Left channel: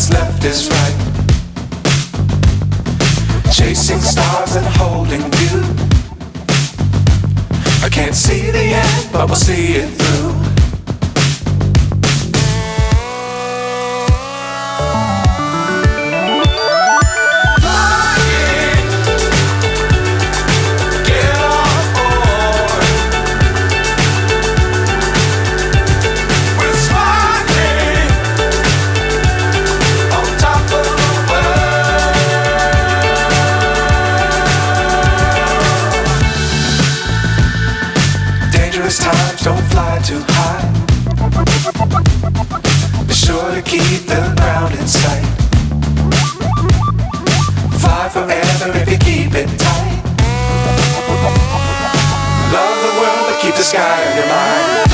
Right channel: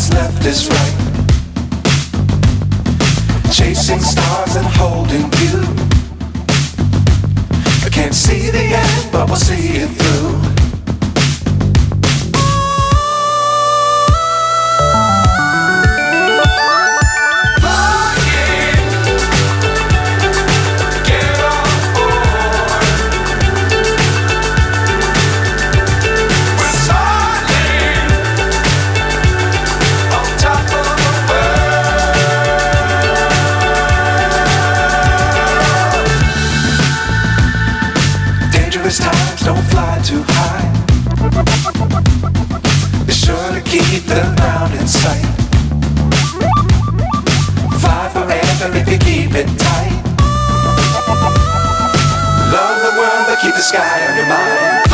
what's left is right. Chasing stars and holding you. I can't see the end, but we'll see it through. Times don't fly too high. Be sure to keep the ground in sight. Fly forever if you keep it tight. Love the world but keep the sky on your mind.